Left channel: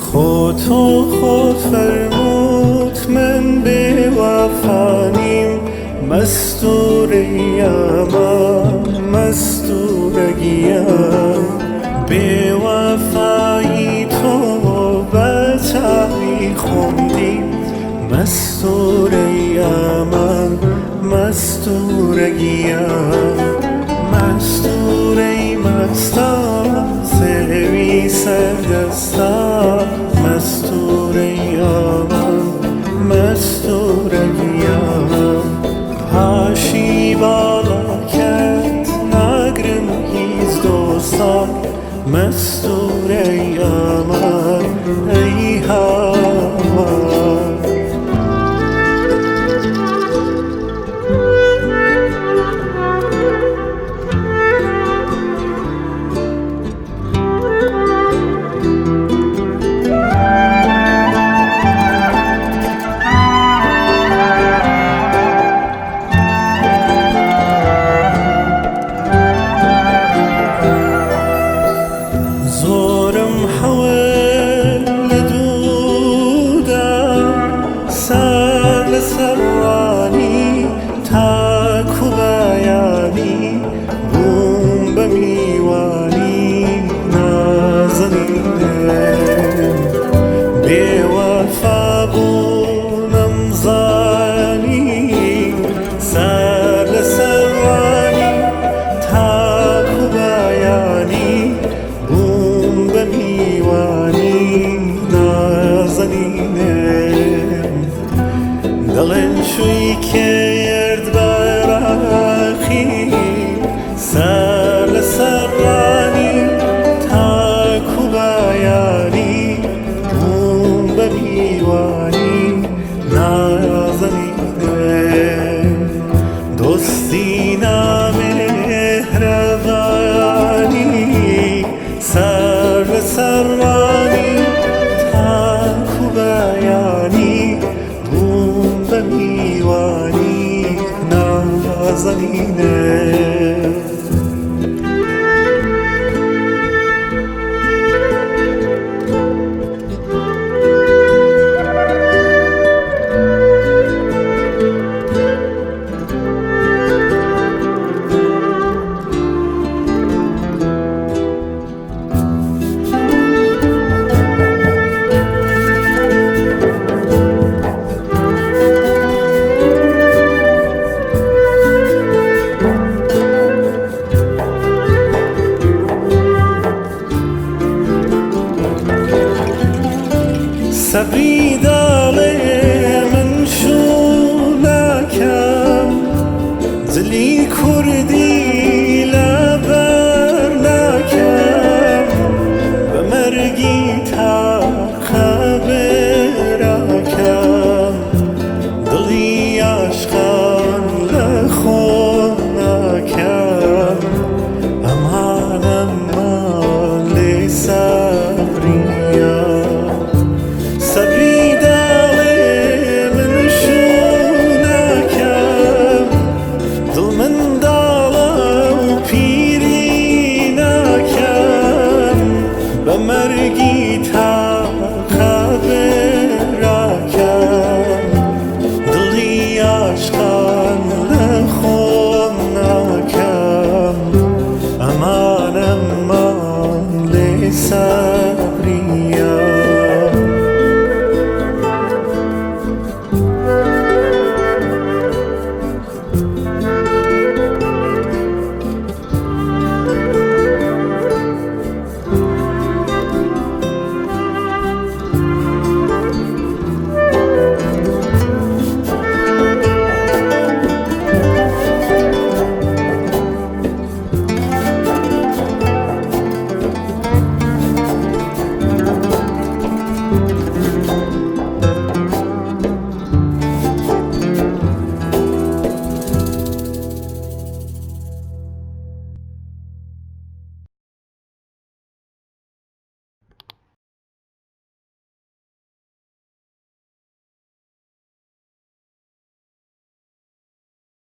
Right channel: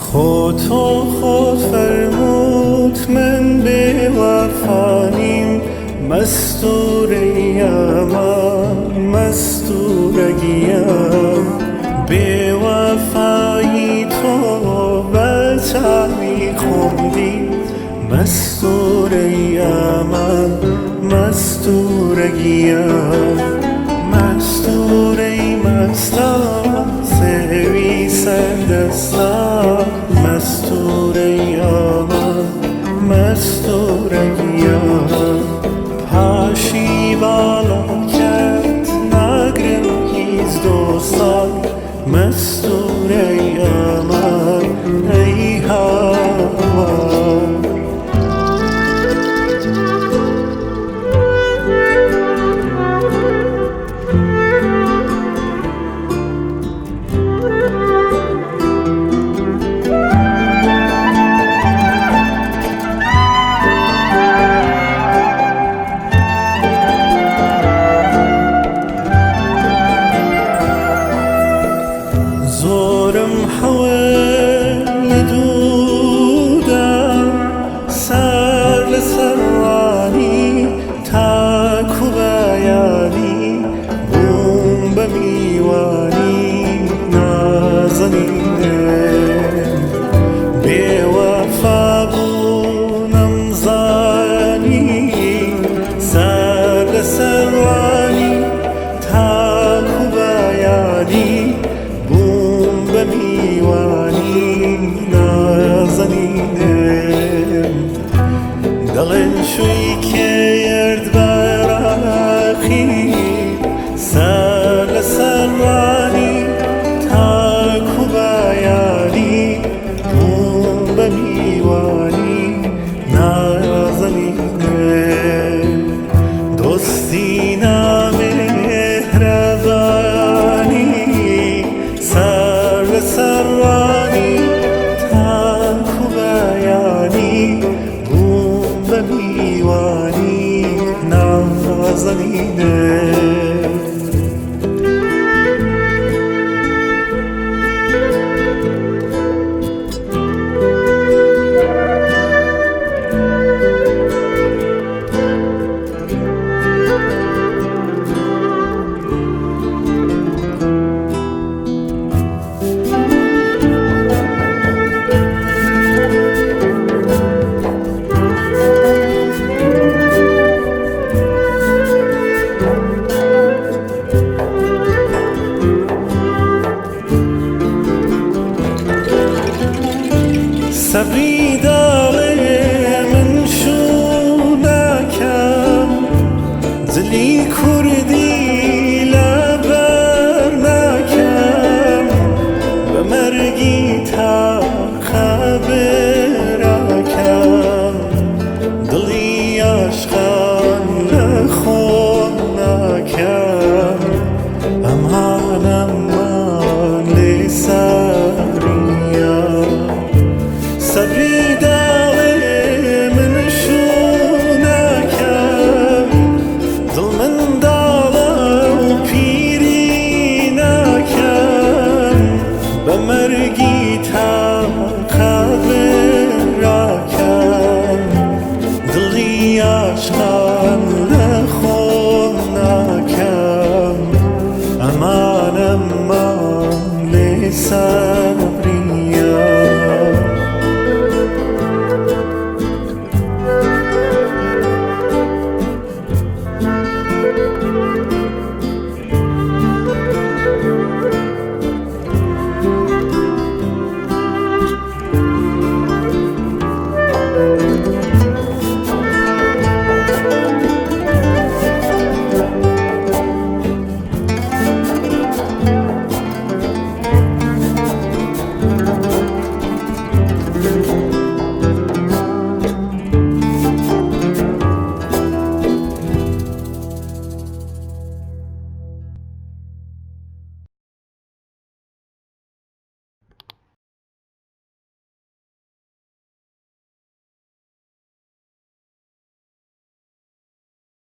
خودتو خود فرمود من به وفانیم، مستوریم مستورگیم. به وفایی تو به تاریخم دیم، مستوریم مستورگیم. مستوری مستم سوی سردستم، مستوریم مستورگیم. پاشی بالا کرد نگرم هیچ دوستان، مستوریم ای هوا. زورم حول دودم سر لسرانی، تاکو بیانی بوم بمیوانی نازنینم. بی وفا بونم زانی سر لسرانی، تاکو بیانی بوم بمیوانی نازنینم. دڵێن شووی کێرد بەراقی سەر لەسەر ڕانی، تاکو بەیانی بووم بە میوانی نازەنینم. دۆستی نامێهرەبانی سەر لەسەر ڕانی، تاکو بەیانی بووم بە میوانی نازەنینم. سەبری داڵێ من شوو ناکەم، جلی کوردی لەبەر ناکەم. بە مەرگی تاقە براکەم، دڵی عاشقان لە خۆم ناکەم. ئەمانەمان لێ سەبریە. سەبری داڵێ من شوو ناکەم، دڵ منداڵە و پیری ناکەم. بە مەرگی تاقە براکەم، دڵی عاشقان لە خۆم ناکەم. ئەمانەمان لێ سەبریە.